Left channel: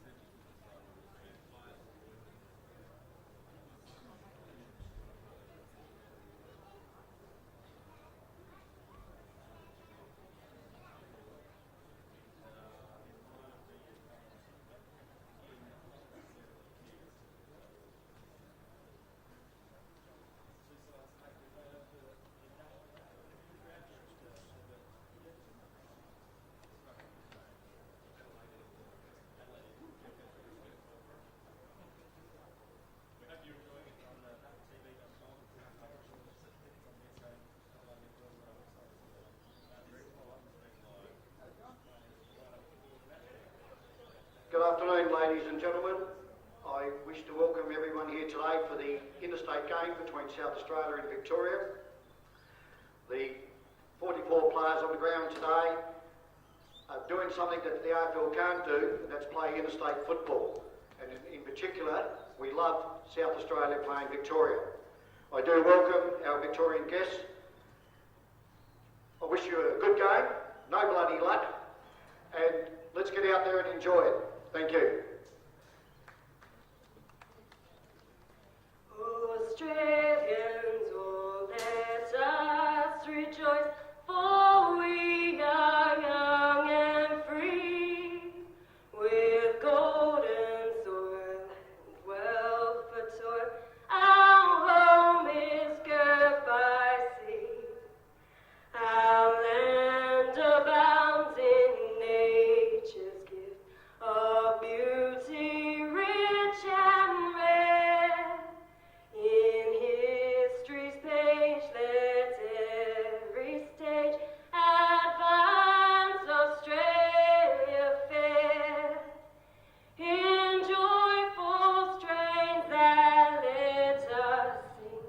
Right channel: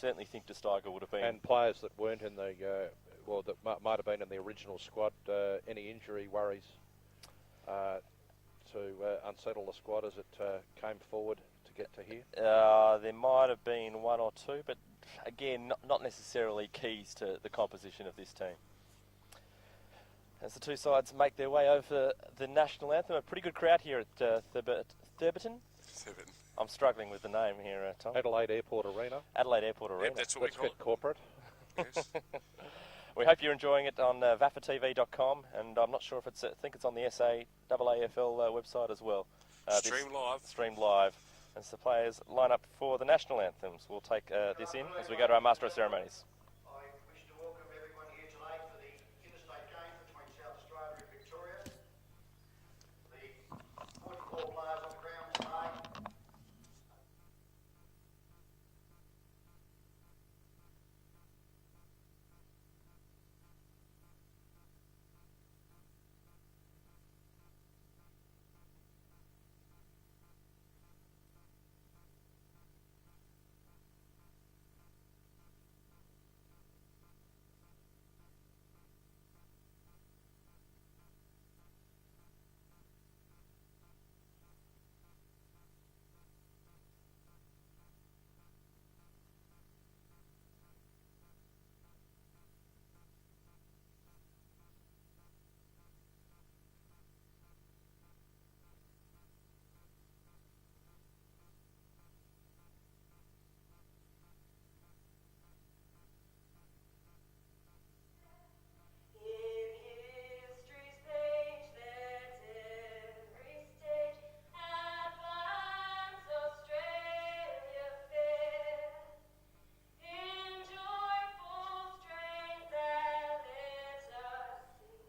certainly think De Steiger would have been. And players that weren't in the, well, that might have been in the original squad, any injury worries to unsettle the squad as it came forward to get to here? There might have been one or two, but again, not necessarily keys to the composition of this team. As the two sides make their way over the national anthem, a pretty good crowd here at Thurberton. I'm struggling with the name here, Tom. Adelaide Airport Arena. Adelaide Airport Arena. Yep, that's what we call it. Corporate. Yes. We hope you're enjoying it on VAFATV.com, and I'm not sure if it's, I think it's on the SAAFL website as well. Stream live. As the players line up for the national anthems, we'll take this in as we go to our Master of Ceremonies. I wish to welcome everyone here today for the interstate game between South Australia and Victoria. The 44 players on the ground today are doing something that the AFL can't do, and that's play interstate football. And in particular, we love South Australia playing Victoria. I do welcome our Victorian guests. I wish you a good game, no bloody luck, and let's get out there and enjoy it. Thank you. Australians, oh, let us rejoice, for we are young and free, with golden soil and wealth for toil. Our home is girt by sea, our land abounds in nature's gift of beauty rich and rare. In history's page, let every stage advance Australia fair. In joyful strains that let us sing,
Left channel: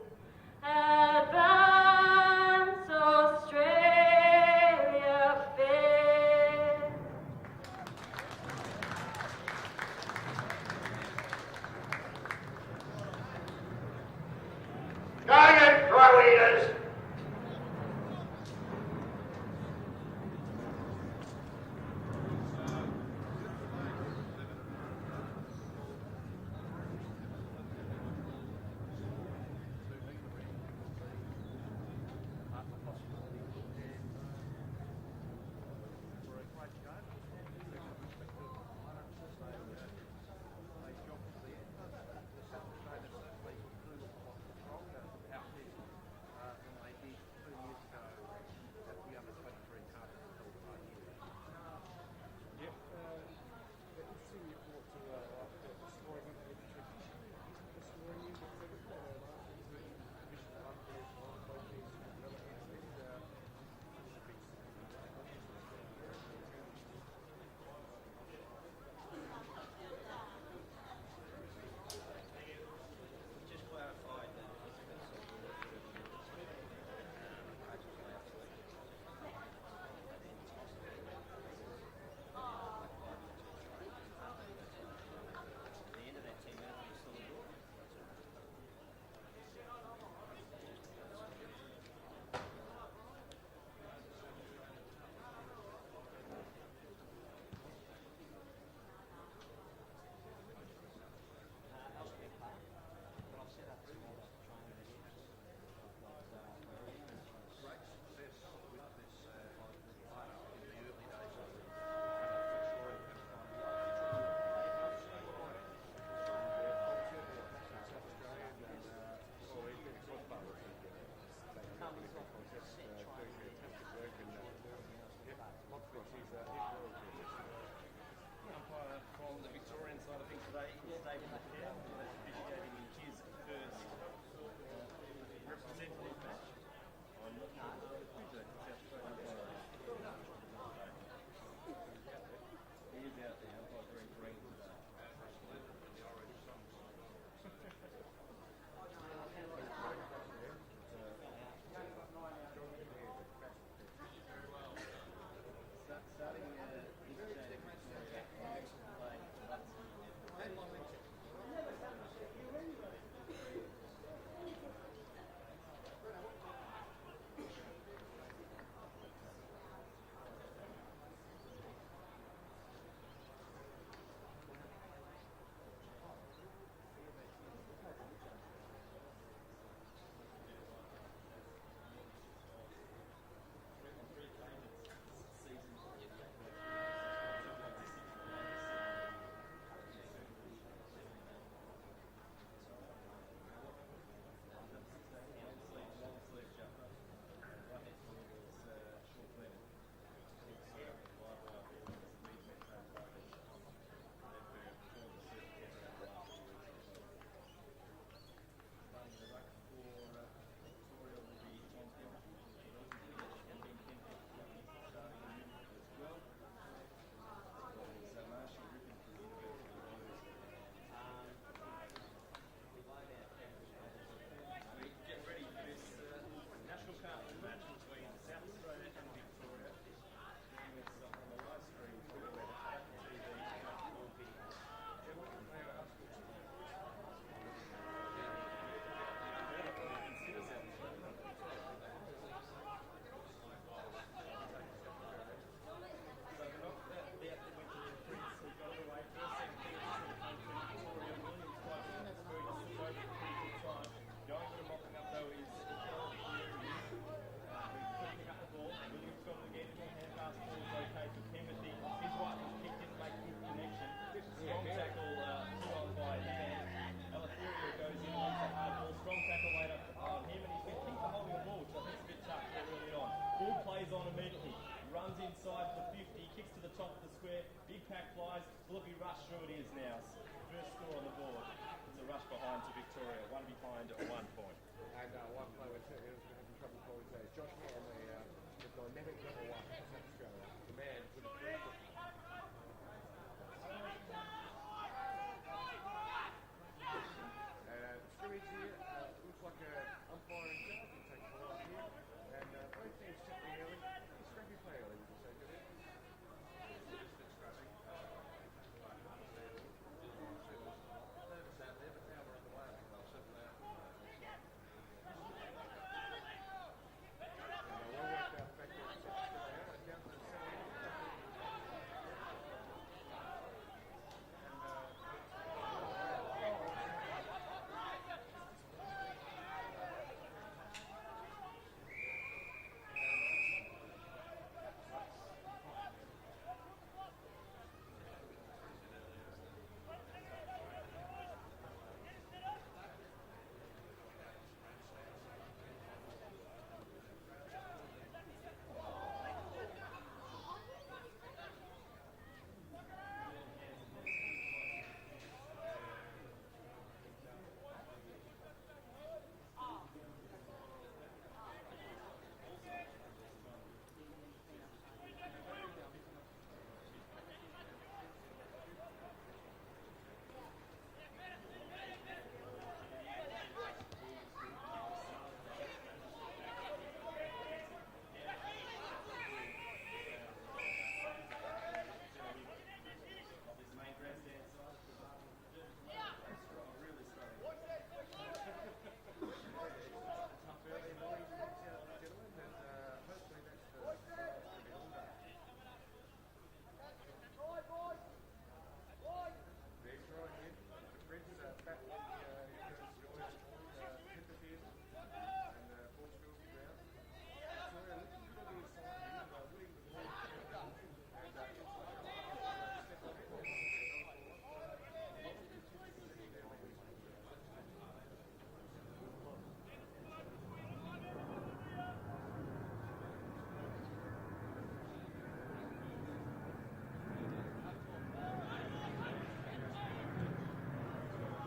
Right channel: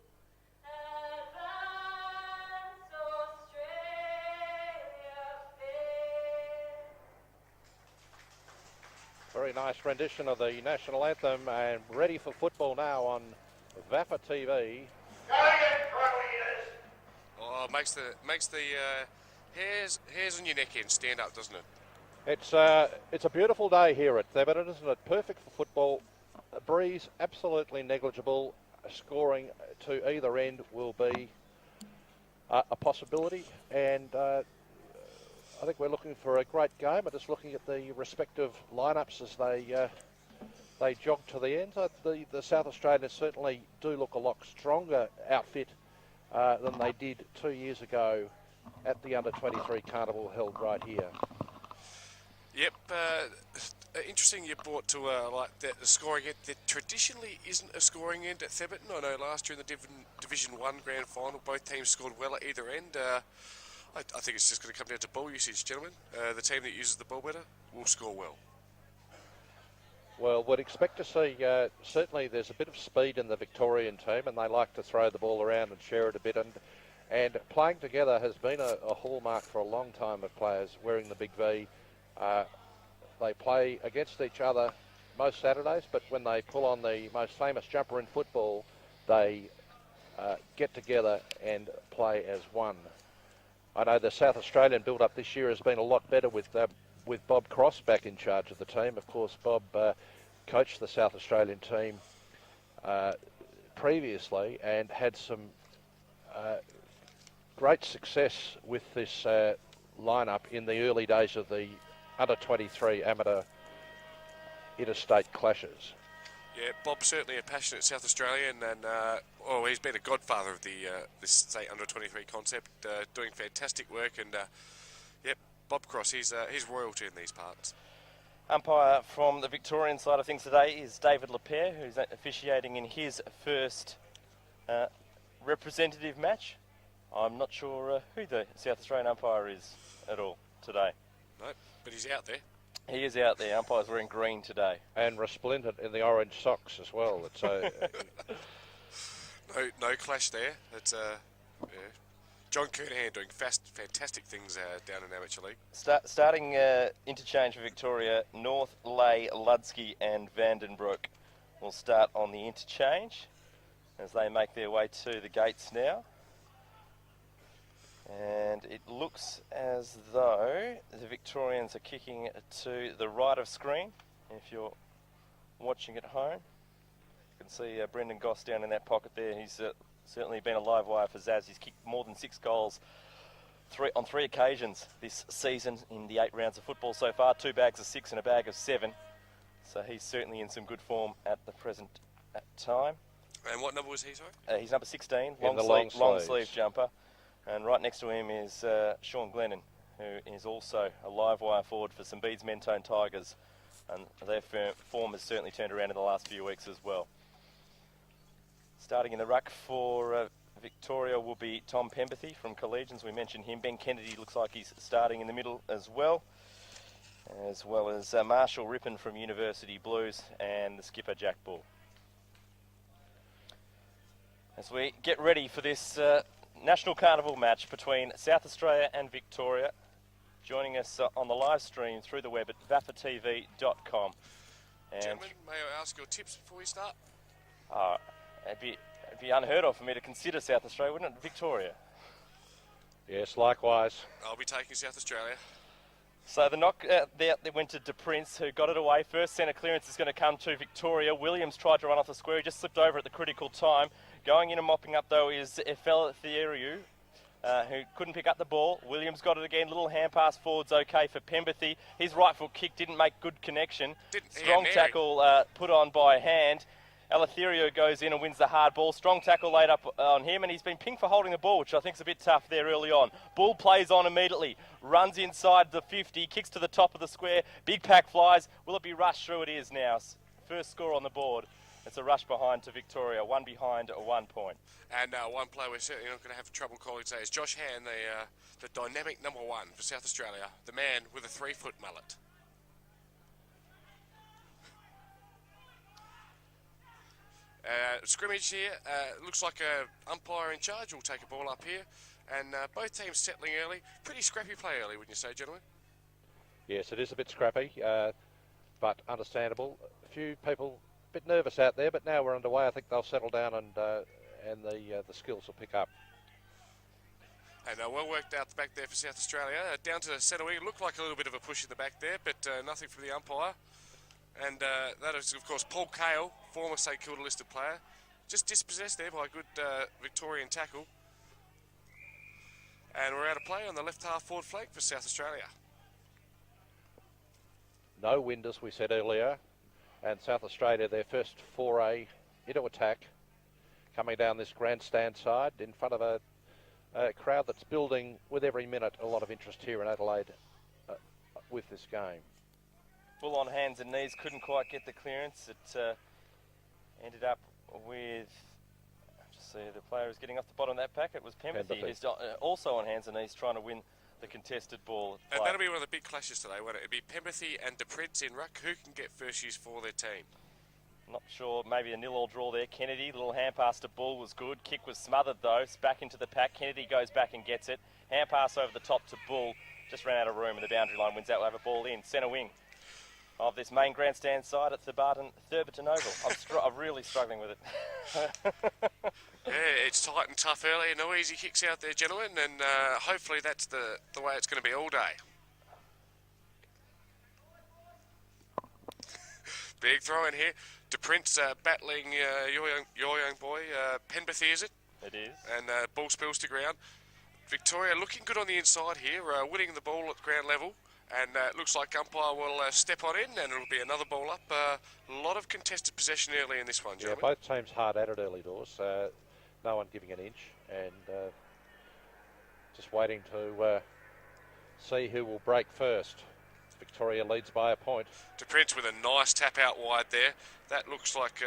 advance Australia fair. Very nice rendition of the national anthem, and ready for football now on VAFA TV. Going in, Pro Eaters! Oh, makes the hairs on your neck end stand up, doesn't it? It's a beautiful day here at Thurberton, isn't it? Perfect for football. The breeze absolutely negligible. Scoring to either end will be a possibility, and I think we're looking for a great game. I'm just looking at the respective lineups as they jog to the end. The South Australians certainly do look a lot stronger outfit than they did 2 years ago at the Under-23 Carnival held right here. Yep. Interesting you brought to like the scoring end that traditionally isn't a scoring end at Thurberton. I know last year in the Division 1 Grand Final, both teams scored well at either end. I think it's just going to come down to ball usage, gentlemen. The team that uses the ball better will score well. Well, we'd expect to see, certainly there's a bit of speed in the Victorian team, and they like to throw the ball around and share it a bit, and playing together has been a hallmark for a long time of players wearing the big V. They play against each other most Saturdays, but when they pull on the most famous jumper in football, they get together and play as one. I know the South Australian build-up this year has been a lot better with Bob Cross back in charge of the team. Of course, Bob coached the South Australian team previously and had some great success with this lineup in the early days of the Under-23 amateur interstate clashes. Yeah, Bob's certainly a passionate South Australian, and he's been a godfather of this state Under-23 concept, doing fantastic work. And yep, Bob Cross, he's royalty in these parts. Umpire from the Victorian side of things today is David Lapierre, who's officiating in his first representative match. I'm not sure who the South Australian umpire is at all today. No, but he's out there. He is out there. Umpire's wearing green today. And resplendent in the orange socks as well. It's no clash there. It's John Kernahan doing fantastic things down in amateur league. Starting interchange for Victoria, North, Lay, Ludsky and Vandenbroek will start on the interchange as they make their way to the gates now. And it looks as though the Victorians are kicking to the right of screen. if you're watching at home. You can see Brendan Goss down in that pocket there. He's certainly been a live wire for Zaz. He's kicked more than 6 goals on 3 occasions this season in the 8 rounds of football so far. 2 bags of 6 and a bag of 7. So he's certainly in some good form at the present time. And what number was he, sorry? He's number 16, long long sleeves. sleeve jumper. And right next to him is Sean Glennon, who is also a live wire forward for St Bede's Mentone Tigers. And their form has certainly turned around in the last few weeks as well. Starting in the ruck for Victoria will be Tom Pempathy from Collegians. We mentioned him. Ben Kennedy looks like he's starting in the middle as well as Marshall Rippon from University Blues and the skipper Jack Bull. As we get ready for this National Carnival match between South Australia and Victoria, joining us on the live stream through the web at vafatv.com. Gentlemen, may I ask your tips before we start? It'd be unheard of for me to consider South Australia, wouldn't it? Victoria. Yes, likewise. I'll be taking South Australia. So the knock there went to De Prince, who got it away. First centre clearance is going to come to Victoria. Williams tried to run off the square. He just slipped over at the critical time. Going in and mopping up, though, is Efel-Thieriu, who couldn't pick up the ball. Williams got it again. Little hand pass forwards okay for Pempathy. His right foot kick didn't make good connection. Strong tackle put on by hand. Eleftherio goes in and wins the hard ball. Strong tackle laid up on him, and he's been pinged for holding the ball, which I think is a bit tough there early on. Bull plays on immediately. Runs inside the 50, kicks to the top of the square. Big pack flies. Will it be rushed through? It is now. First score on the board. It's a rush behind to Victoria. 1 behind, 1 point. And one player we're certainly not going to have trouble calling today is Josh Han, the dynamic number 1 for South Australia, the man with a 3-foot mullet. Scrimmage here, looks like an umpire in charge will take a ball up here, and both teams settling early. Pretty scrappy play early, wouldn't you say, gentlemen? Yes, it is a bit scrappy, but understandable. A few people a bit nervous out there, but now we're underway. I think they'll settle down and the skills will pick up. And well worked out the back there for South Australia. Down to the centre wing, it looked like a little bit of a push in the back there, but nothing from the umpire. And that is, of course, Paul Cale, former St Kilda listed player. Just dispossessed there by a good Victorian tackle. And we're out of play on the left half forward flank for South Australia. No wind, as we said earlier. And South Australia, their first foray into attack, coming down this grandstand side in front of a crowd that's building with every minute. A lot of interest here in Adelaide with this game. Bull on hands and knees, couldn't quite get the clearance. It ended up with, just see, the player is getting off the bottom of that pack. It was Pempathy, who's also on hands and knees trying to win the contested ball. And that'll be one of the big clashes today, won't it? It'll be Pempathy and De Prince in ruck. Who can get first use for their team? Not sure, maybe a 0-0 draw there. Kennedy, little hand pass to Bull was good. Kick was smothered though. It's back into the pack. Kennedy goes back and gets it. Hand pass over the top to Bull. Just ran out of room and the boundary line wins out. We'll have a ball in. Centre wing of this main grandstand side at Thurberton Oval. I'm really struggling with it. Yeah, it's tight and tough early. No easy kicks out there, gentlemen, and hopefully that's the way it's going to be all day. Big throw in here. De Prince battling your young boy, Pempathy, is it? It is. And ball spills to ground. Victoria looking good on the inside here, winning the ball at ground level. And it looks like umpire will step on in, and it'll be another ball up. A lot of contested possession early in this one, gentlemen. Yeah, both teams hard at it early doors. No one giving an inch, and just waiting to see who will break first. Victoria leads by a point. De Prince with a nice tap out wide there. That looks like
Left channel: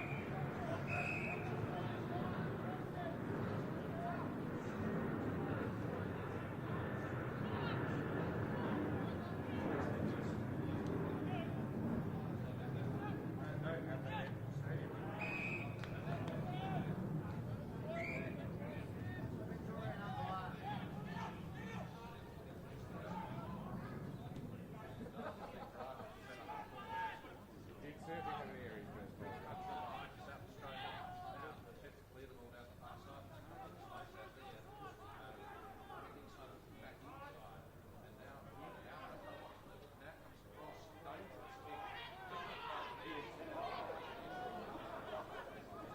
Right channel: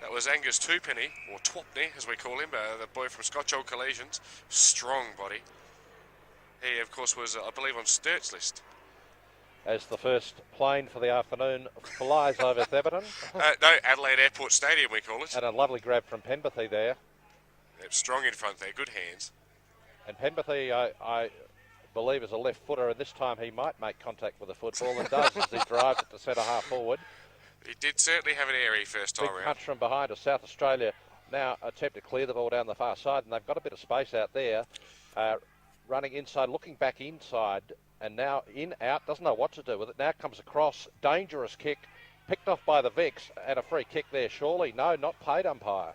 that was Angus Twopenny, or Twopney as we call him, the boy from Scotch Old Collegians. Strong body. He, of course, was, I believe, on Sturt's list. As the first plane for the afternoon flies over Theberton. No, Adelaide Airport Stadium, we call it. And a lovely grab from Pempathy there. Yep, strong in front there, good hands. And Pempathy, I believe, is a left footer, and this time he might make contact with the football, and does as he drives it to centre half forward. He did certainly have an airy first time Big around. punch from behind as South Australia now attempt to clear the ball down the far side, and they've got a bit of space out there. Running inside, looking back inside And now in, out, doesn't know what to do with it. Now comes across, dangerous kick, picked off by the Vicks, and a free kick there, surely. No, not paid umpire.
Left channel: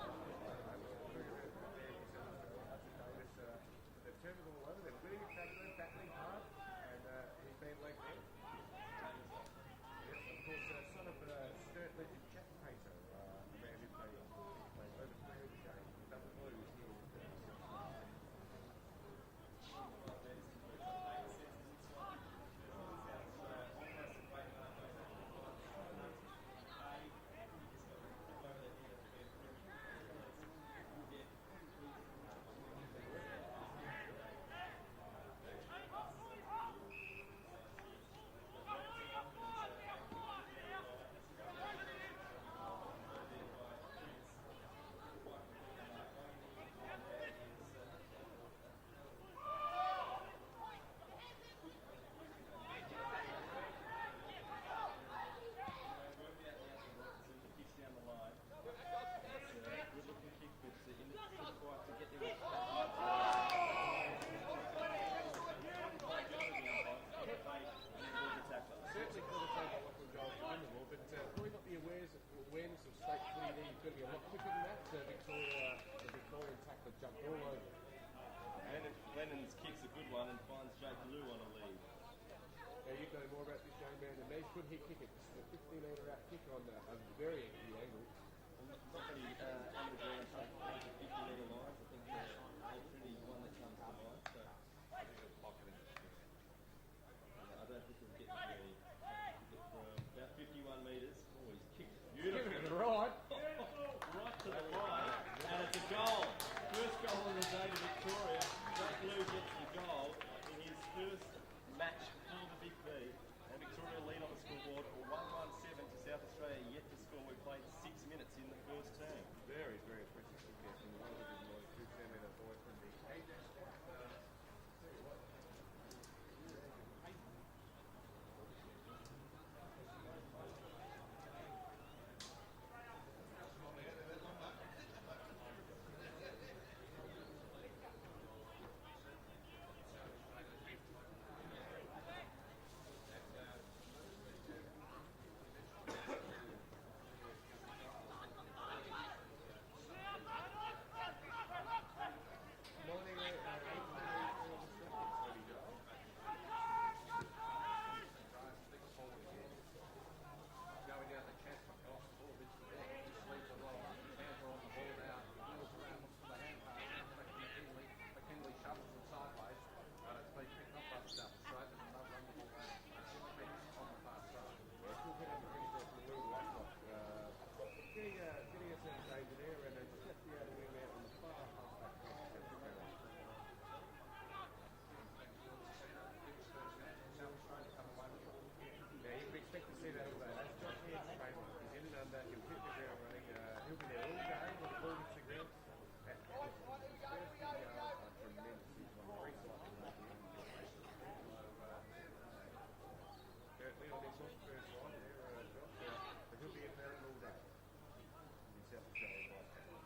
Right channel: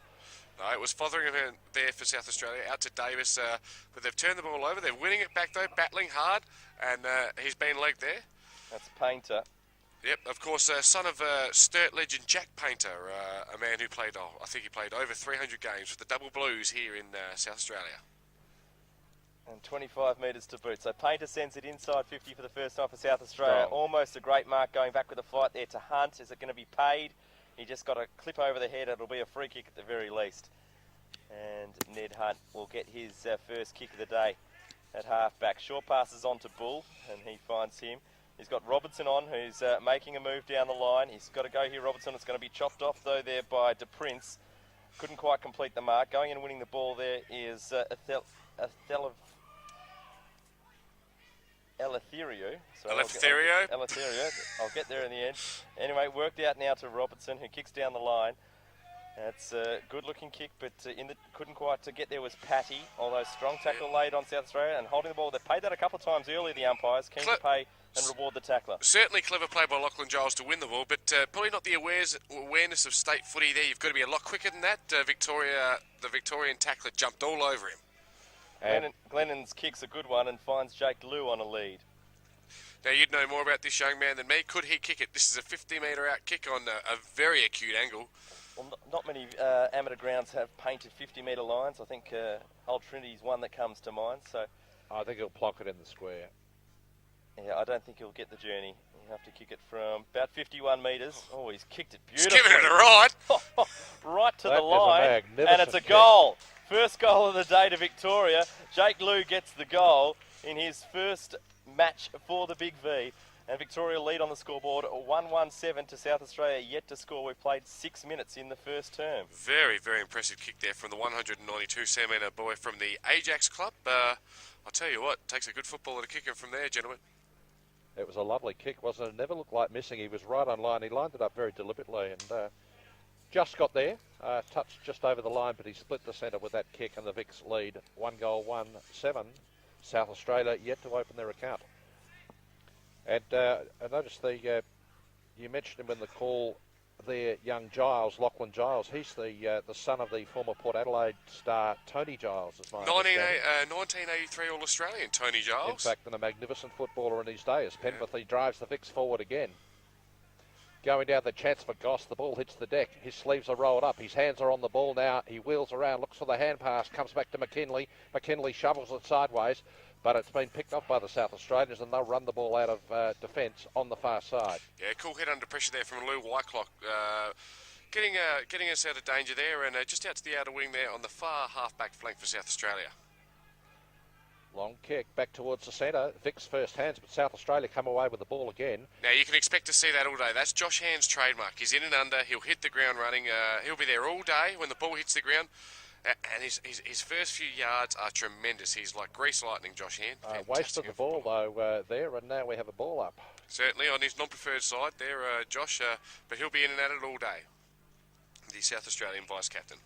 No, it was Fotheringham there for South Australia, out to Davis, but they've turned the ball over. They're winning it back, though, battling hard, and he's been legged there. That's Painter. Yep, of course, son of Sturt legend Jack Painter, a man who played, I think he played over 300 games for the Double Blues here in South Australia. And 25 metres to boot. So Painter sends it inside 50 for the first time for South Australia. Almost a great mark going back with the fight there to Hunt. Is it going to be paid? He just got a clip over the head. It'll be a free kick at the very least. And Ned Hunt will get his first kick of the day at half-back. Short passes on to Bull, and he finds him. He's got Robertson on, who's making a move down the line. He's got to go here, Robertson. It's going to be chopped off, though, there by De Prince. Couldn't quite complete the mark. Going in and winning the ball there is Eleutherio. Eleutherio. I'll get there in the end. Anyway, worked out now to Robertson, who kicks down the line. It's a good-looking kick, but couldn't quite to get there was Patty, although strong tackle laid on South Australia and holding the ball. They paid that a couple of times earlier, the umpires, keen to pay and reward the tackler. Certainly clever play by Lachlan Giles to win the ball, but probably not the awareness of state footy there. You've got to be a lot quicker than that. The Victorian tackler jumped all over him. Glennon's kick's a good one and finds Jake Liu on a lead. Now, you'd know more about this young man than me. Could he kick it? This is a 50-metre out kick on a very acute angle. Well, not many amateur grounds have painted 50-metre lines. I think Old Trinity's one that comes to mind. So I think he'll block it in the square. Yeah, I don't think he'll get the journey. He'll have to kick it from about 51 metres. Oh, he's kicked it beautifully. He's given it a ride. Right to the line, and it's a goal. First goal of the day to Victoria. Jake Liu gets the goal in his first match for the Big V. And Victoria lead on the scoreboard, 1-1-7 to South Australia, yet to score. We've played 6 minutes in the first term. Very, very impressive kick there from the 192cm boy from the Ajax club. I'll tell you what, takes a good footballer to kick him from there, gentlemen. It was a lovely kick, wasn't it? It never looked like missing. He was right on line. He lined it up very deliberately and just got there. Touched just over the line, but he split the centre with that kick, and the Vicks lead 1-1-7. South Australia yet to open their account. And I noticed you mentioned him in the call there, young Giles, Lachlan Giles. He's the son of the former Port Adelaide star Tony Giles, is my understanding. 1983 All-Australian Tony Giles. In fact, and a magnificent footballer in his day as Penrith. He drives the Vicks forward again. Going down the chance for Goss, the ball hits the deck. His sleeves are rolled up. His hands are on the ball now. He wheels around, looks for the hand pass, comes back to McKinley. McKinley shovels it sideways, but it's been picked up by the South Australians, and they'll run the ball out of defence on the far side. Yeah, cool hit under pressure there from Lou Whiteclock. Getting us out of danger there, and just out to the outer wing there on the far half-back flank for South Australia. Long kick back towards the centre. Vicks first hands, but South Australia come away with the ball again. Now, you can expect to see that all day. That's Josh Hand's trademark. He's in and under. He'll hit the ground running. He'll be there all day when the ball hits the ground. And his first few yards are tremendous. He's like grease lightning, Josh Hand. Wasted the ball, though, there, and now we have a ball up. Certainly on his non-preferred side there, Josh, but he'll be in and at it all day. The South Australian vice-captain.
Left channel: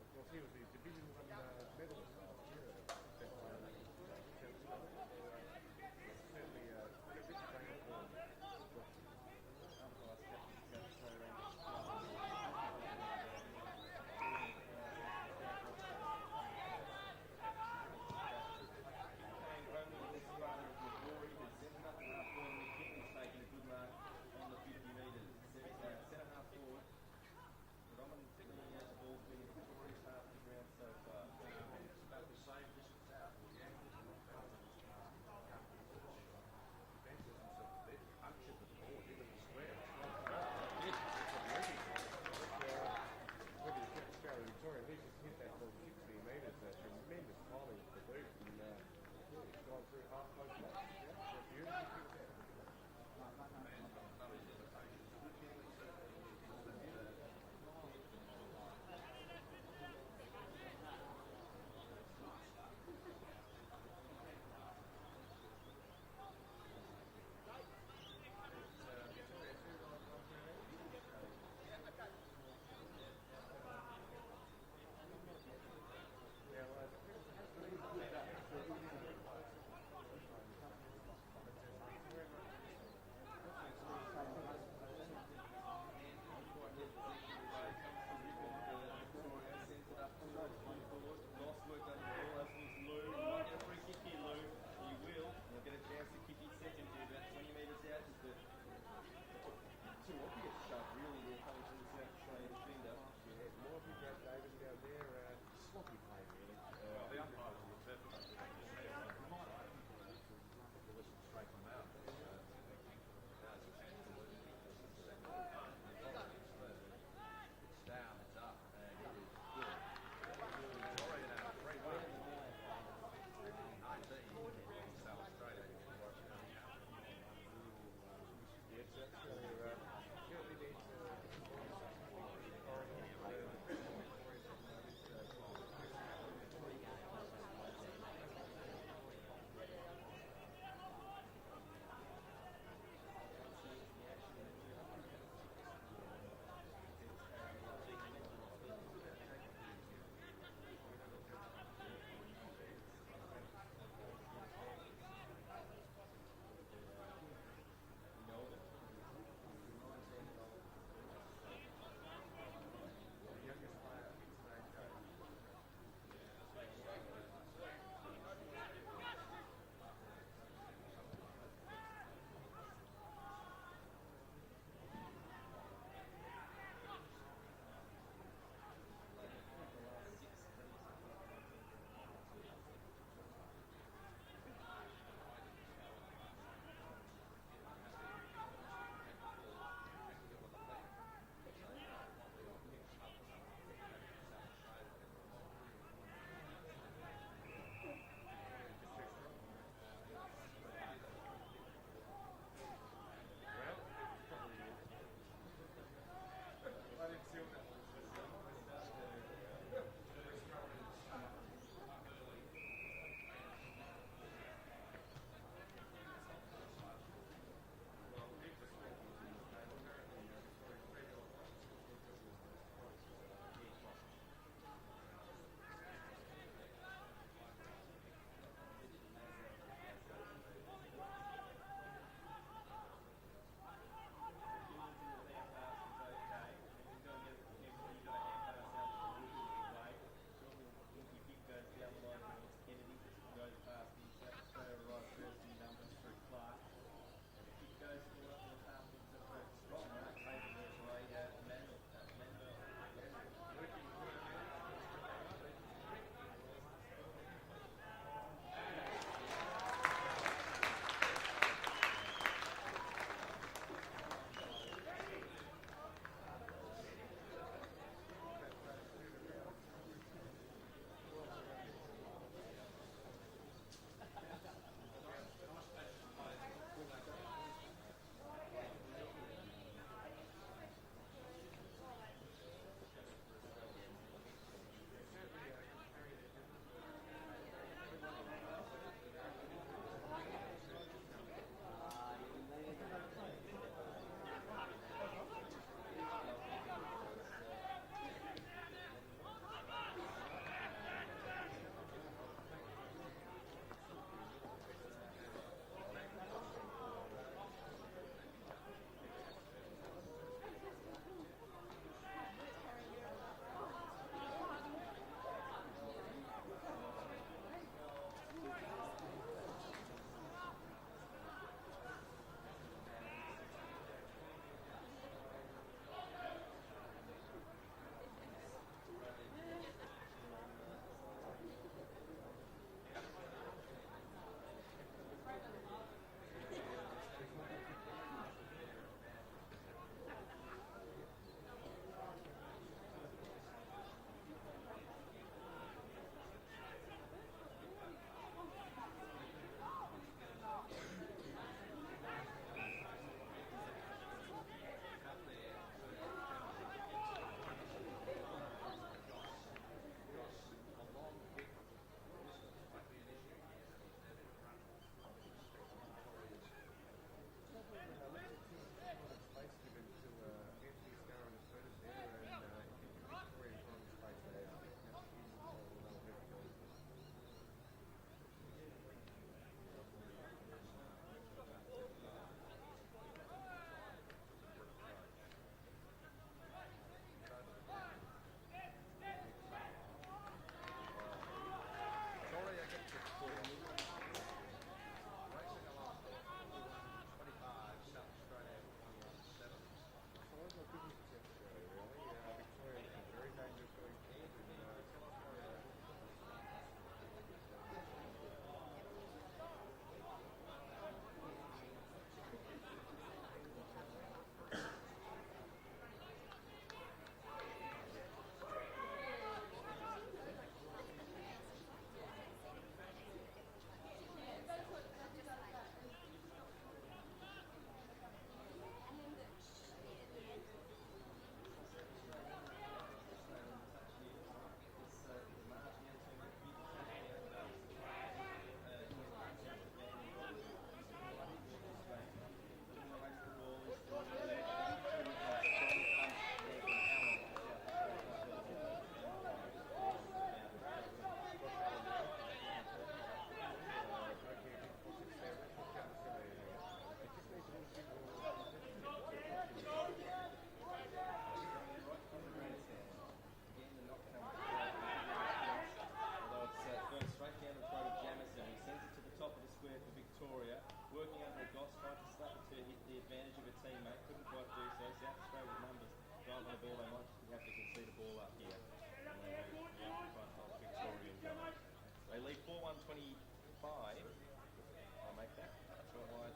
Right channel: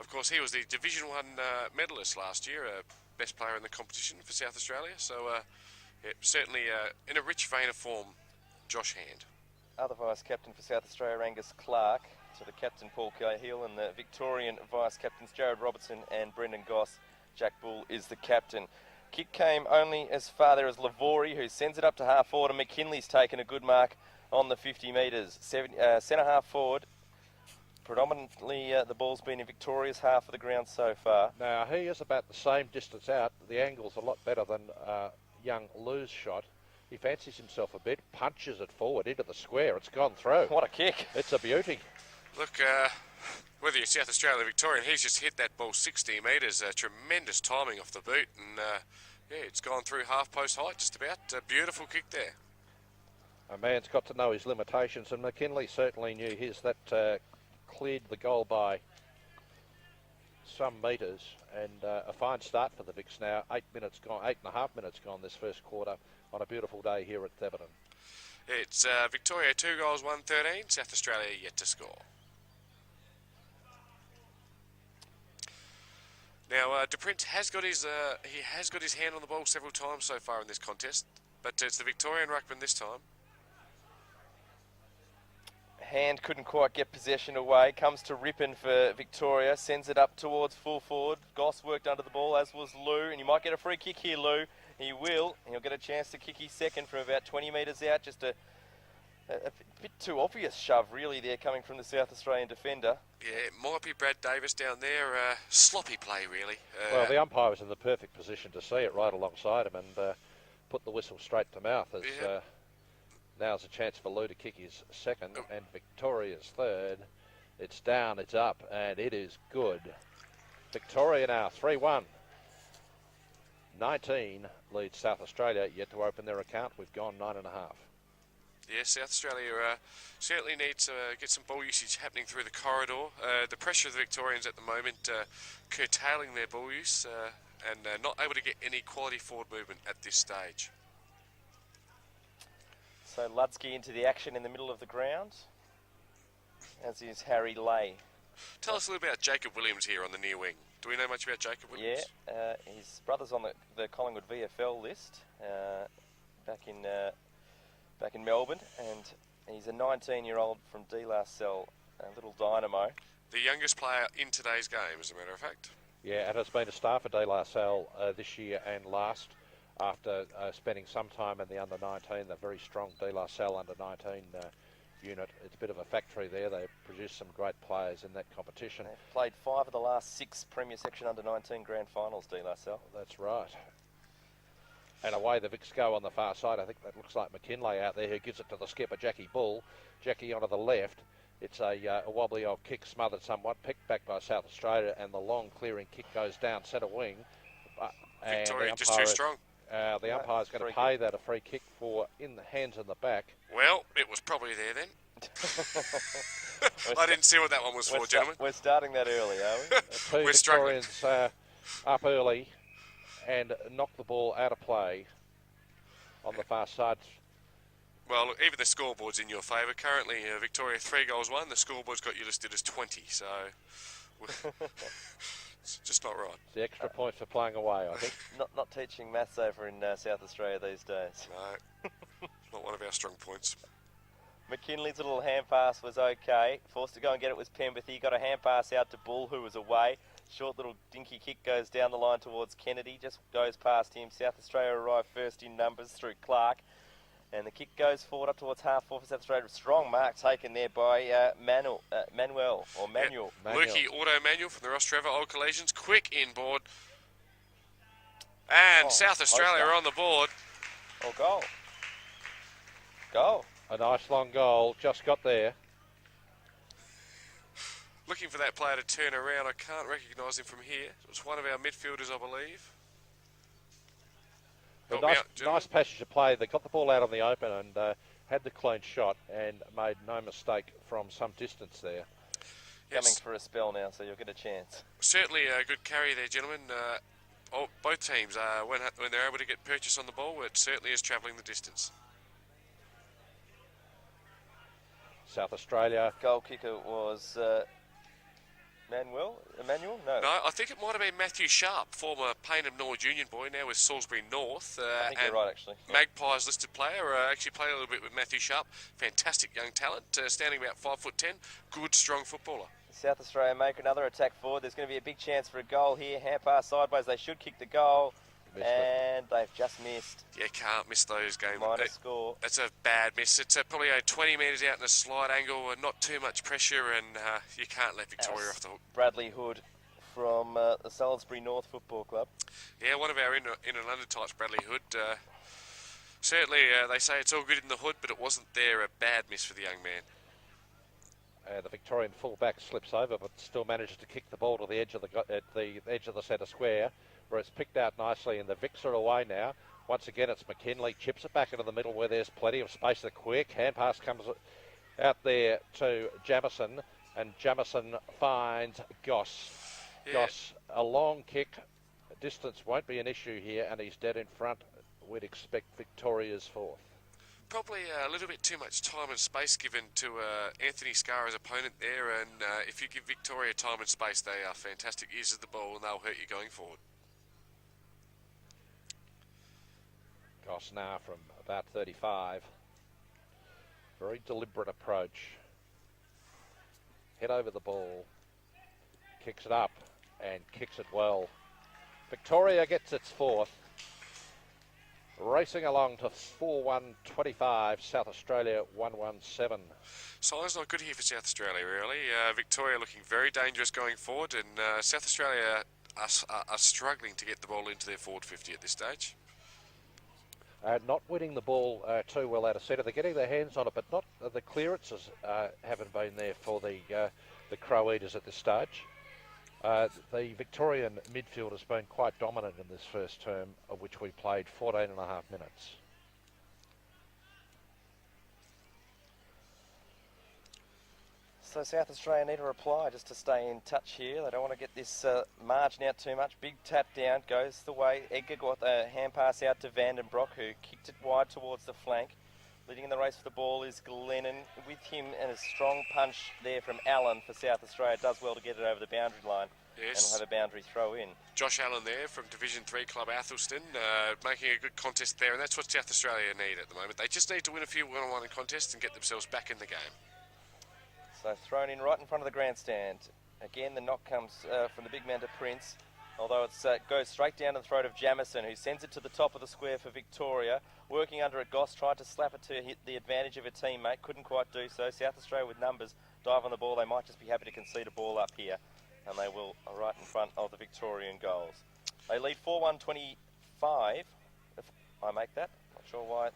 Of course, he was the Division 1 medalist last year, best player in the competition for South Australia. So, yeah, certainly in a rich vein of form, Josh Hand. Other vice-captain for South Australia, Angus Clark. To the captain, Paul Cahill, and the Victorian vice-captains, Jared Robertson and Brendan Goss. Jack Bull is the captain. Kick came only as far there as Lavori, who sends it up to half forward, and McKinley's taken a good mark on the 50 metres. Centre half forward. Predominantly, the ball's been in Victoria's half of the ground so far. Now, he is about the same distance out. The angle's a lot better than young Lou's shot. He fancies himself a bit, punches it forward into the square. It's gone through. What a kick. It's a beauty. Look, whether you're South Australia or Victorian, he's just hit that ball 60 metres. Tremendous timing off the boot. And, yeah, it's gone through half-post height just about. A beautiful kick there. A man's got to know his limitations, and McKinley certainly knew his. That cleared the goal by some metres, and a fine start for the Vicks now. 8.5 minutes gone this first quarter on a beautiful day here at Theberton. It's Victoria 2 goals, 1-13. South Australia yet to score. Now, DePrince has got his hand on the ball several times so far in this contest, but it's the Victorian ruckman this time. Hand couldn't quite get possession away. Comes to Rippon for Victoria. Sends it up towards full forward. Goss worked under the ball, as was Lou. And you might get a free kick here, Lou. He will. And he'll get a chance to kick his second from about 20 metres out. Just a bit too obvious shove, really, there coming from the South Australian defender. Yeah, it might be Brad Davis down there. Sloppy play, really. Well, the umpire was in the perfect position to see it right alongside him and put the whistle straight to mouth as... Now's a chance for Lou to kick his second and Victoria's third. It's down, it's up, and it is good. Victoria now 3-1. 19 leads South Australia yet to open their account. We've gone 9.5. Yeah, South Australia certainly needs to get some ball usage happening through the corridor. The pressure of the Victorians at the moment curtailing their ball use and not able to get any quality forward movement at this stage. So Lutsky into the action in the middle of the ground, as is Harry Lay. Tell us a little about Jacob Williams here on the near wing. Do we know much about Jacob Williams? Yeah, his brother's on the Collingwood VAFL list back in Melbourne, and he's a 19-year-old from De La Salle, a little dynamo. The youngest player in today's game, as a matter of fact. Yeah, and has been a star for De La Salle this year and last. After spending some time in the under-19, the very strong De La Salle under-19 unit. It's a bit of a factory there. They produced some great players in that competition. They've played 5 of the last 6 Premier Section under-19 grand finals, De La Salle. That's right. And away the Vics go on the far side. I think that looks like McKinlay out there, who gives it to the skipper, Jackie Bull. Jackie onto the left. It's a wobbly old kick, smothered somewhat, picked back by South Australia, and the long clearing kick goes down centre wing. Victoria just too strong. The umpire's going to pay that a free kick for in the hands in the back. Well, it was probably there then. I didn't see what that one was for, gentlemen. We're starting that early, are we? We're struggling. Victorians up early and knock the ball out of play on the far side. Well, look, even the scoreboard's in your favour. Currently, Victoria 3 goals 1. The scoreboard's got you listed as 20, so... It's just not right. The extra point for playing away, I think. Not teaching maths over in South Australia these days. No, not one of our strong points. McKinley's little hand pass was okay. Forced to go and get it was Pemberthy. Got a hand pass out to Bull, who was away. Short little dinky kick goes down the line towards Kennedy. Just goes past him. South Australia arrive first in numbers through Clark. And the kick goes forward up towards half forward for South Australia. Strong mark taken there by Manuel. Lukey Auto Manual from the Ross Trevor Old Collisions. Quick inboard. And South Australia are on the board. Oh, goal. A nice long goal. Just got there. Looking for that player to turn around. I can't recognise him from here. It was one of our midfielders, I believe. Nice passage of play. They got the ball out on the open and had the clean shot and made no mistake from some distance there. Coming for a spell now, so you'll get a chance. Certainly a good carry there, gentlemen. Both teams, when they're able to get purchase on the ball, it certainly is travelling the distance. South Australia. Goal kicker was Emmanuel? No, I think it might have been Matthew Sharp, former Payneham Norwood Union boy, now with Salisbury North. I think you're right, actually. Magpies listed player. Actually played a little bit with Matthew Sharp. Fantastic young talent, standing about 5'10". Good, strong footballer. South Australia make another attack forward. There's going to be a big chance for a goal here. Hand pass sideways. They should kick the goal. And they've just missed. Yeah, can't miss those games. Minus score. That's a bad miss. It's probably 20 metres out in a slide angle and not too much pressure, and you can't let Victoria off the hook. Bradley Hood from the Salisbury North Football Club. Yeah, one of our in and under types, Bradley Hood. Certainly, they say it's all good in the hood, but it wasn't there. A bad miss for the young man. The Victorian fullback slips over, but still manages to kick the ball to the edge of the centre square, where it's picked out nicely, and the Vics are away now. Once again, it's McKinley, chips it back into the middle where there's plenty of space. The quick hand pass comes out there to Jamison, and Jamison finds Goss. Yeah. Goss, a long kick. Distance won't be an issue here, and he's dead in front. We'd expect Victoria's fourth. Probably a little bit too much time and space given to Anthony Scarra's opponent there, and if you give Victoria time and space, they are fantastic users of the ball and they'll hurt you going forward. Goss now from about 35. Very deliberate approach. Head over the ball. Kicks it up and kicks it well. Victoria gets its fourth. Racing along to 4-1-25, South Australia 1-1-7. Signs not good here for South Australia, really. Victoria looking very dangerous going forward, and South Australia are struggling to get the ball into their forward 50 at this stage. Not winning the ball too well out of centre. They're getting their hands on it, but not the clearances haven't been there for the Crow Eaters at this stage. The Victorian midfield has been quite dominant in this first term, of which we played 14 and a half minutes. So South Australia need a reply just to stay in touch here. They don't want to get this margin out too much. Big tap down, goes the way. Edgar got a hand pass out to Vandenbroek, who kicked it wide towards the flank. Leading in the race for the ball is Glennon. With him and a strong punch there from Allen for South Australia. Does well to get it over the boundary line. Yes. And we'll have a boundary throw in. Josh Allen there from Division 3 club Athelston, making a good contest there, and that's what South Australia need at the moment. They just need to win a few one-on-one contests and get themselves back in the game. So thrown in right in front of the grandstand. Again, the knock comes from the big man to Prince. Although it goes straight down to the throat of Jamison, who sends it to the top of the square for Victoria. Working under it, Goss tried to slap it to hit the advantage of a teammate. Couldn't quite do so. South Australia with numbers dive on the ball. They might just be happy to concede a ball up here. And they will right in front of the Victorian goals. They lead 4-1-25. If I make that. Not sure why.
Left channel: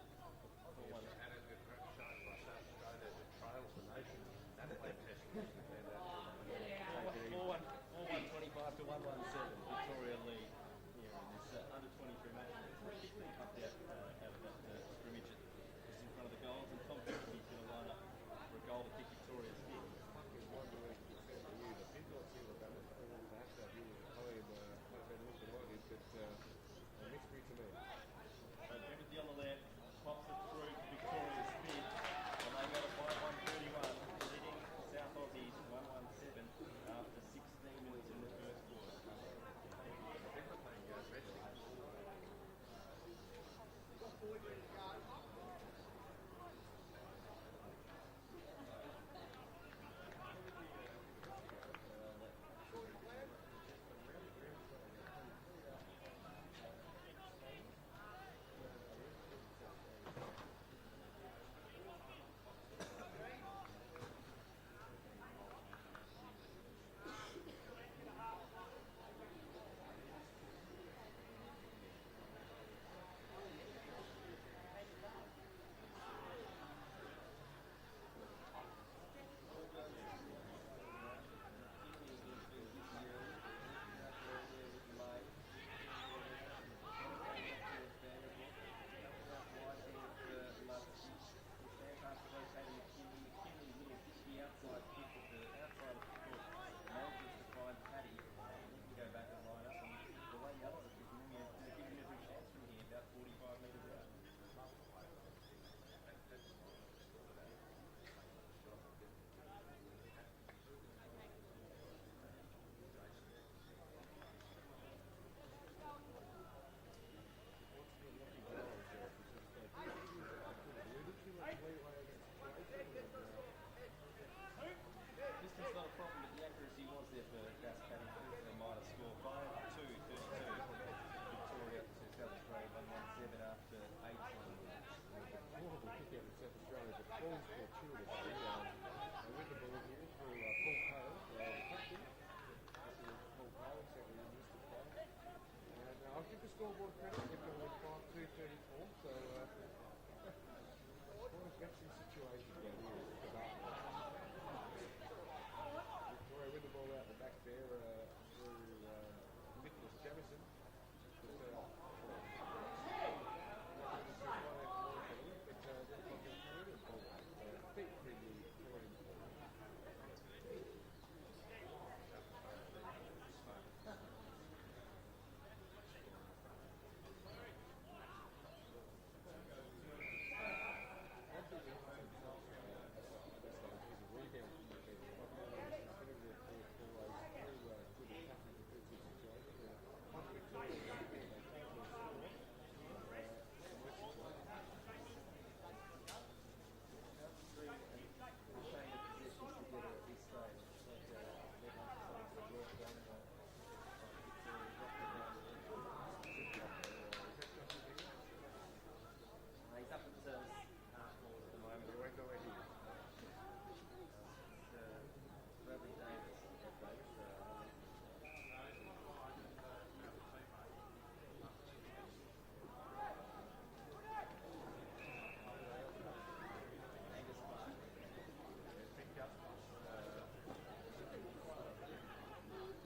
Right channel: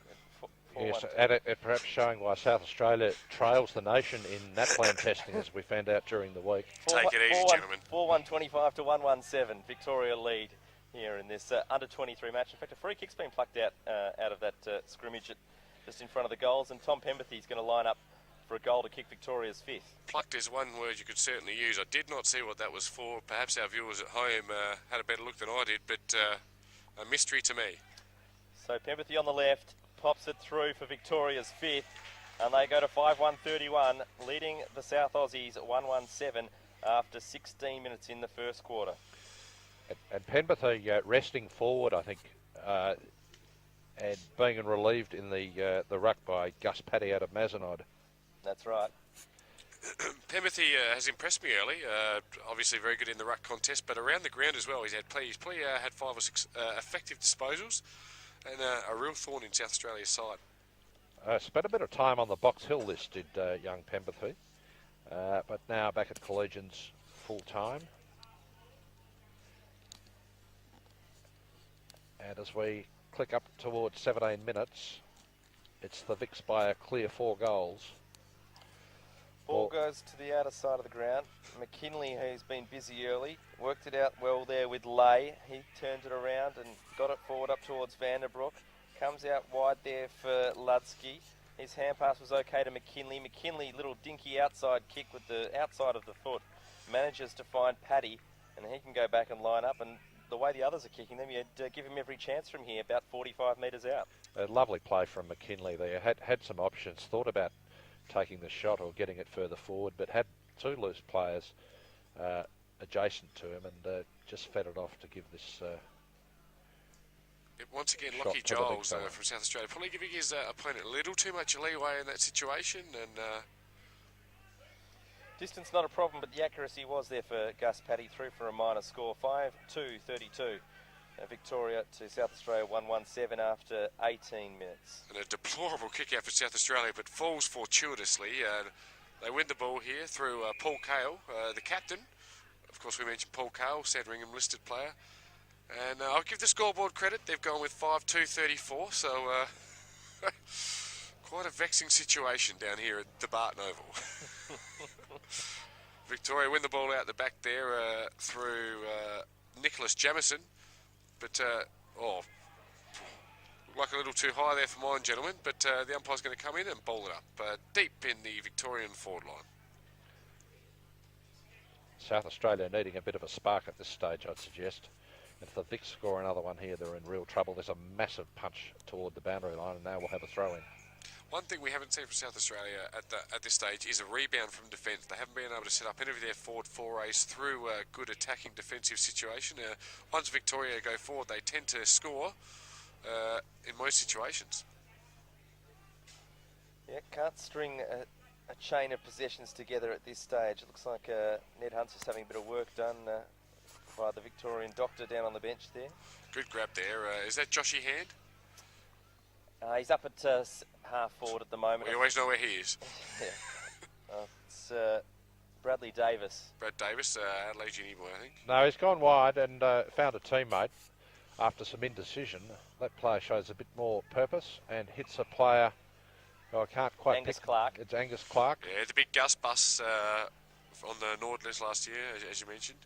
Yes, and it perhaps showing why South Australia trails the nation in NAPLAN testing, as we found out during the week. Take it easy, gentlemen. 4-1-25 to 1-1-7. Victoria lead here in this under-23 match. In fact, a free kick's been plucked out of that scrimmage just in front of the goals, and Tom Pempathy's going to line up for a goal to kick Victoria's fifth. Plucked is one word you could certainly use. I did not see what that was for. Perhaps our viewers at home had a better look than I did, but a mystery to me. So Pempathy on the left. Pops it through for Victoria's fifth, and they go to 5-1-31, leading the South Aussies 1-1-7 after 16 minutes in the first quarter. And Penberthy resting forward, I think, and being relieved in the ruck by Gus Paddy out of Mazenod. That's right. Pempathy has impressed me early. Obviously very good in the ruck contest, but around the ground as well. He's had 5 or 6 effective disposals. And a real thorn in South Australia's side. Spent a bit of time on the Box Hill list, did young Pemberthy. But now back at Collegians full time. And as we click up towards 17 minutes, it's the Vicks by a clear 4 goals. Ball goes to the outer side of the ground. McKinley, who's been busy early, worked it out well there with Lay. He turns it around and got it forward up towards Vandenbroek. Comes out wide there for Ludsky. His hand pass was okay to McKinley. McKinley, little dinky outside kick with the outside of the foot. Manages to find Paddy, and he can go back and line up. And the way the others are kicking them, you'd give him every chance from here, about 45 metres out. A lovely play from McKinley there. Had some options, thought about taking the shot or getting it further forward, but had 2 loose players adjacent to him and just fed it off to give this once again, Lockie Giles from South Australia probably giving his opponent a little too much leeway in that situation, and distance not a problem, but the accuracy was there for Gus Paddy, through for a minor score. 5-2-32. Victoria to South Australia 1-1-7 after 18 minutes. And a deplorable kick out for South Australia, but falls fortuitously. They win the ball here through Paul Cale, the captain. Of course, we mentioned Paul Cale, Sandringham listed player. And I'll give the scoreboard credit. They've gone with 5-2-34, so quite a vexing situation down here at the Barton Oval. Victoria win the ball out the back there through Nicholas Jamison. But, like a little too high there for mine, gentlemen. But the umpire's going to come in and bowl it up deep in the Victorian forward line. South Australia needing a bit of a spark at this stage, I'd suggest. If the Vicks score another one here, they're in real trouble. There's a massive punch toward the boundary line, and now we'll have a throw-in. one thing we haven't seen from South Australia at this stage is a rebound from defence. They haven't been able to set up any of their forward forays through a good attacking defensive situation. Once Victoria go forward, they tend to score in most situations. Yeah, can't string a chain of possessions together at this stage. It looks like Ned Hunt's just having a bit of work done by the Victorian doctor down on the bench there. Good grab there. Is that Joshy Hand? He's up at half forward at the moment. We always know where he is. Yeah. It's Bradley Davis. Brad Davis, Adelaide Uni boy, I think. No, he's gone wide and found a teammate after some indecision. That player shows a bit more purpose and hits a player. Oh, I can't quite Angus pick. Clark. It's Angus Clark. Yeah, the big Gus bus on the Nordless last year, as you mentioned.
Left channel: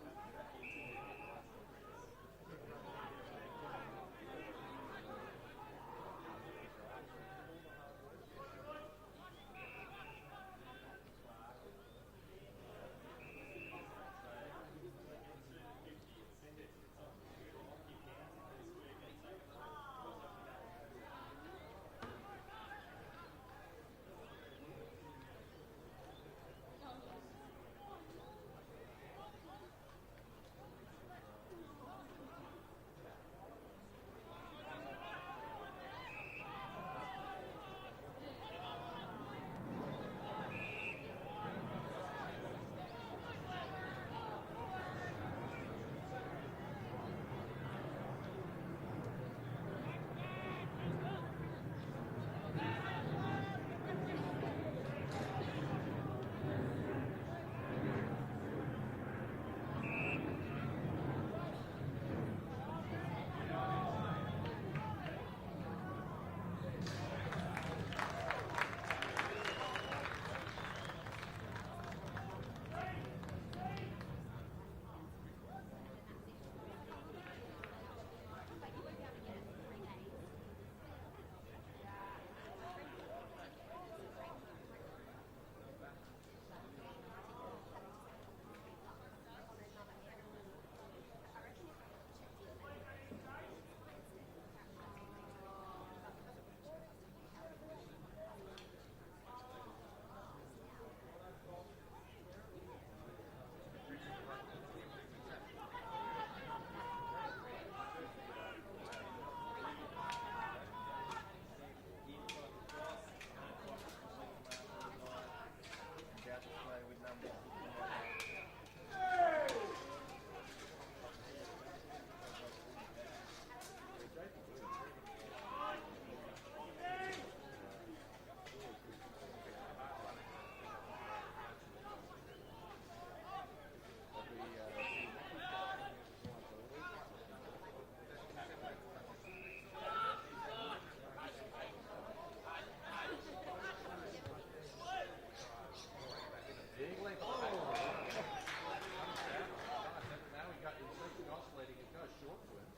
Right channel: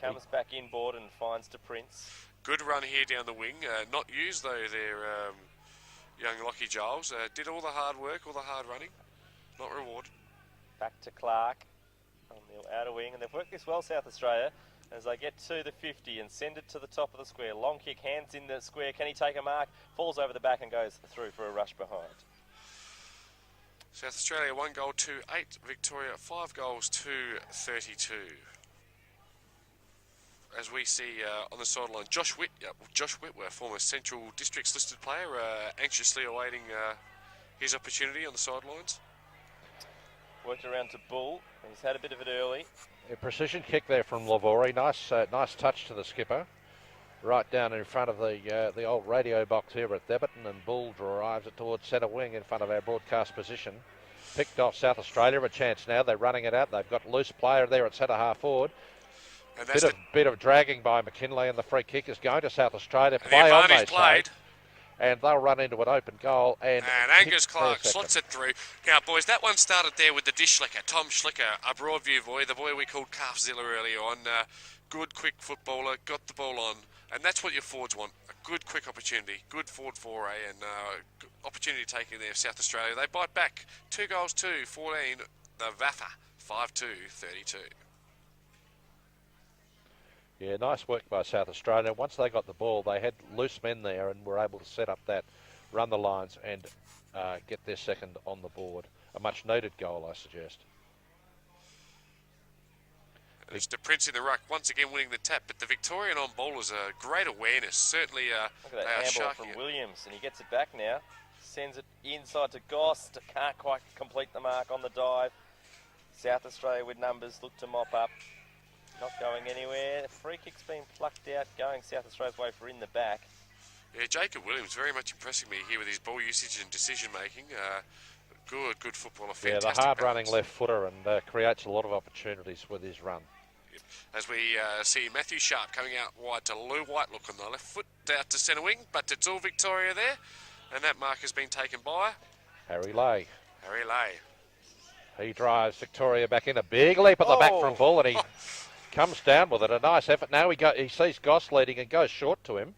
Comes back inboard and finds to Prince. Good run here down the wing. Not used though, their young Lockie Giles. Did all the hard work, all the hard running. Not rewarded. Back to Clark. Outer wing, and they've worked this well, South Australia, as they get to the 50 and send it to the top of the square. Long kick, hands in the square. Can he take a mark? Falls over the back and goes through for a rush behind. South Australia 1 goal to 8. Victoria 5 goals to 32. As we see on the sideline, Josh Whitworth, former Central Districts listed player, anxiously awaiting his opportunity on the sidelines. Worked around to Bull. He's had a bit of it early. A precision kick there from Lavori. Nice touch to the skipper. Right down in front of the old radio box here at Deberton, and Bull drives it towards centre wing in front of our broadcast position. Picked off South Australia a chance now. They're running it out. They've got a loose player there at centre half forward. Bit of dragging by McKinley, and the free kick is going to South Australia. Play on, they played. And they'll run into an open goal. And Angus Clark slots it through. Now, boys, that one started there with the dish slicker, Tom Schlicker, a Broadview boy, the boy we called Calfzilla earlier on. Good, quick footballer, got the ball on. And that's what your forwards want, a good, quick opportunity, good forward foray, and opportunity taken there of South Australia. They bite back. 2 goals to 14, the VAFA, 5-2, 32. Yeah, nice work by South Australia. Once they got the ball, they had loose men there and were able to set up that, run the lines and get their second on the board. A much needed goal, I suggest. It's the Prince in the ruck, once again winning the tap, but the Victorian on ball is a great awareness. Certainly look at that handball from Williams, and he gets it back now. Sends it inside to Goss. Can't quite complete the mark on the dive. South Australia with numbers look to mop up. Not going anywhere. Free kick's been plucked out, going South Australia's way for in the back. Yeah, Jacob Williams very much impressing me here with his ball usage and decision making. Good footballer. Yeah, the hard-running left footer, and creates a lot of opportunities with his run. As we see Matthew Sharp coming out wide to Lou White, look on the left foot out to centre wing, but it's all Victoria there, and that mark has been taken by Harry Lay. Harry Lay. He drives Victoria back in. A big leap at the back from Bull, and he comes down with it. A nice effort. Now he sees Goss leading and goes short to him.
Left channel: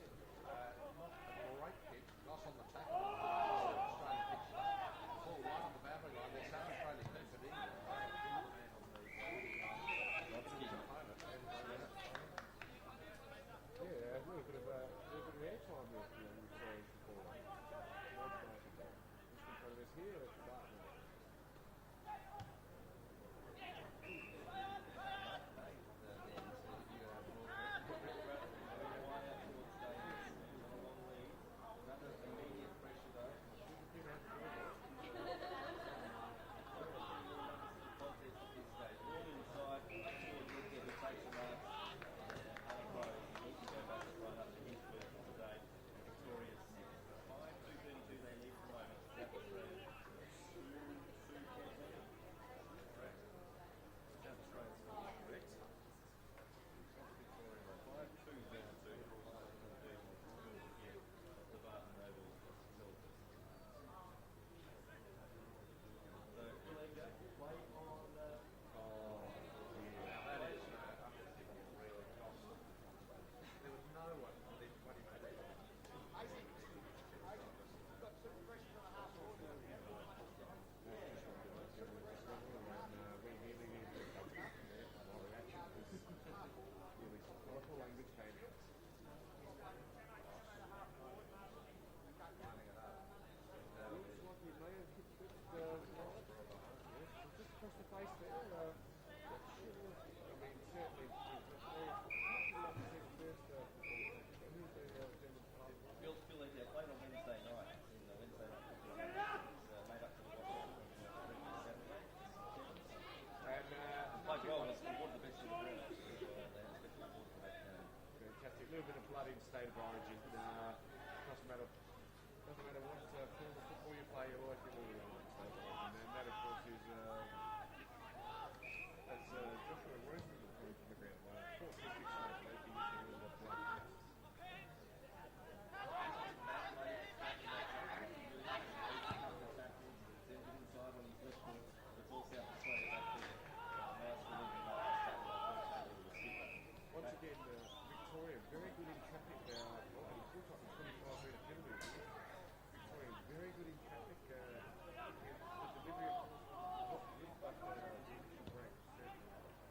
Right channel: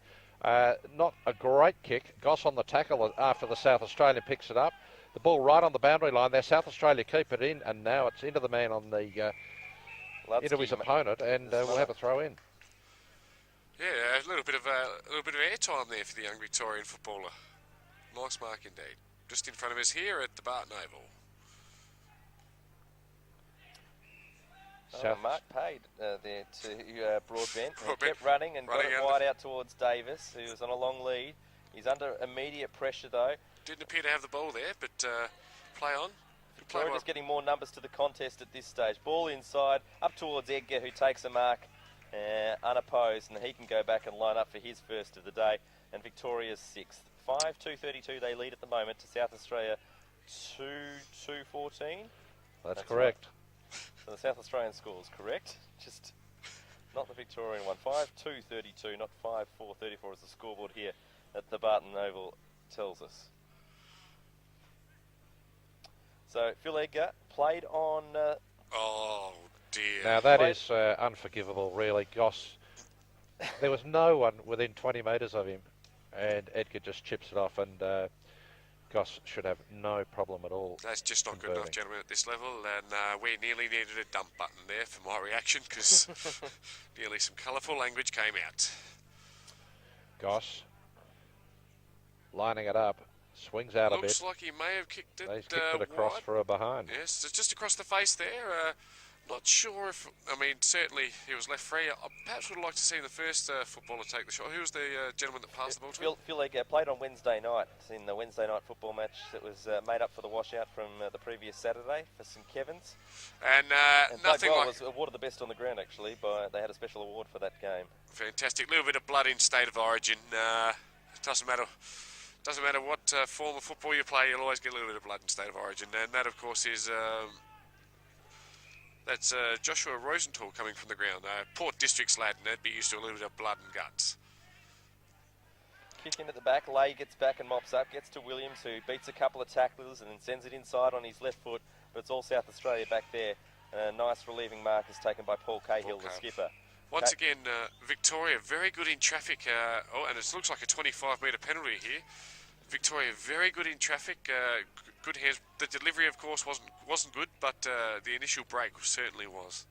Not a great kick. Goss on the tackle after the South Australian picks it up. The ball right on the boundary line there. South Australia keep it in, and now it's into the man on the into his opponent, and we'll have a throw in. Yeah, a little bit of airtime there for the young Victorian footballer. Nice mark indeed. Just in front of us here at the Barton Oval. Mark paid there to Broadbent. Kept running and got it wide out towards Davis, who was on a long lead. He's under immediate pressure though. Didn't appear to have the ball there, but play on. Victoria just getting more numbers to the contest at this stage. Ball inside, up towards Edgar, who takes a mark unopposed, and he can go back and line up for his first of the day. And Victoria's 6th. 5-2-32 they lead at the moment to South Australia 2-2-14. That's correct. Right. So the South Australian score is correct, just not the Victorian one. 5-2-32, not 5-4-34 as the scoreboard here at the Barton Oval tells us. So Phil Edgar played on... oh dear. Now that is unforgivable, really. Goss, there was no one within 20 metres of him, and Edgar just chips it off, and Goss should have no problem at all. That's just not good enough, gentlemen, at this level, and we nearly needed a dump button there for my reaction, because nearly some colourful language came out. Goss lining it up, swings out a bit. Looks like he may have kicked it. He's kicked it across wide. for a behind. Yes, it's just across the face there. Not sure if, I mean, certainly he was left free. I perhaps would have liked to see the first footballer take the shot. Who was the gentleman that passed the ball to him? Phil Egger played on Wednesday night in the Wednesday night football match that was made up for the washout from the previous Saturday for St Kevin's. And nothing Doug like... was awarded the best on the ground, actually. They had a special award for that game. Fantastic. A little bit of blood in State of Origin. Doesn't matter what form of football you play, you'll always get a little bit of blood in State of Origin. And that, of course, is... That's Joshua Rosenthal coming from the ground. Port District's lad, and they'd be used to a little bit of blood and guts. Kick in at the back, Lay gets back and mops up, gets to Williams, who beats a couple of tacklers and then sends it inside on his left foot, but it's all South Australia back there. Nice relieving mark is taken by Paul Cahill, the skipper. Once again, Victoria very good in traffic. And it looks like a 25-metre penalty here. Victoria very good in traffic. Good hands. The delivery, of course, wasn't good, but the initial break certainly was.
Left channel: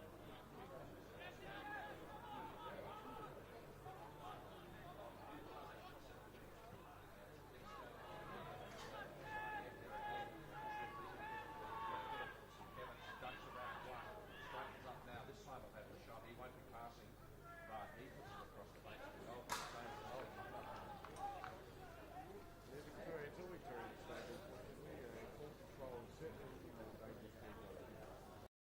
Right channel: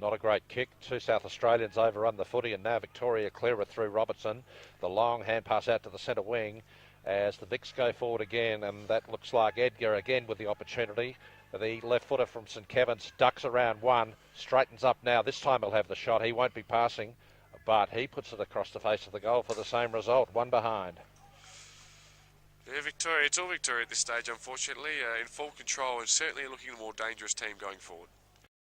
Not a great kick. Two South Australians overrun the footy, and now Victoria clear it through Robertson. The long hand pass out to the centre wing as the Vicks go forward again, and that looks like Edgar again with the opportunity. The left footer from St Kevin's ducks around one, straightens up now. This time he'll have the shot. He won't be passing, but he puts it across the face of the goal for the same result, one behind. Yeah, Victoria, it's all Victoria at this stage, unfortunately, in full control and certainly looking a more dangerous team going forward.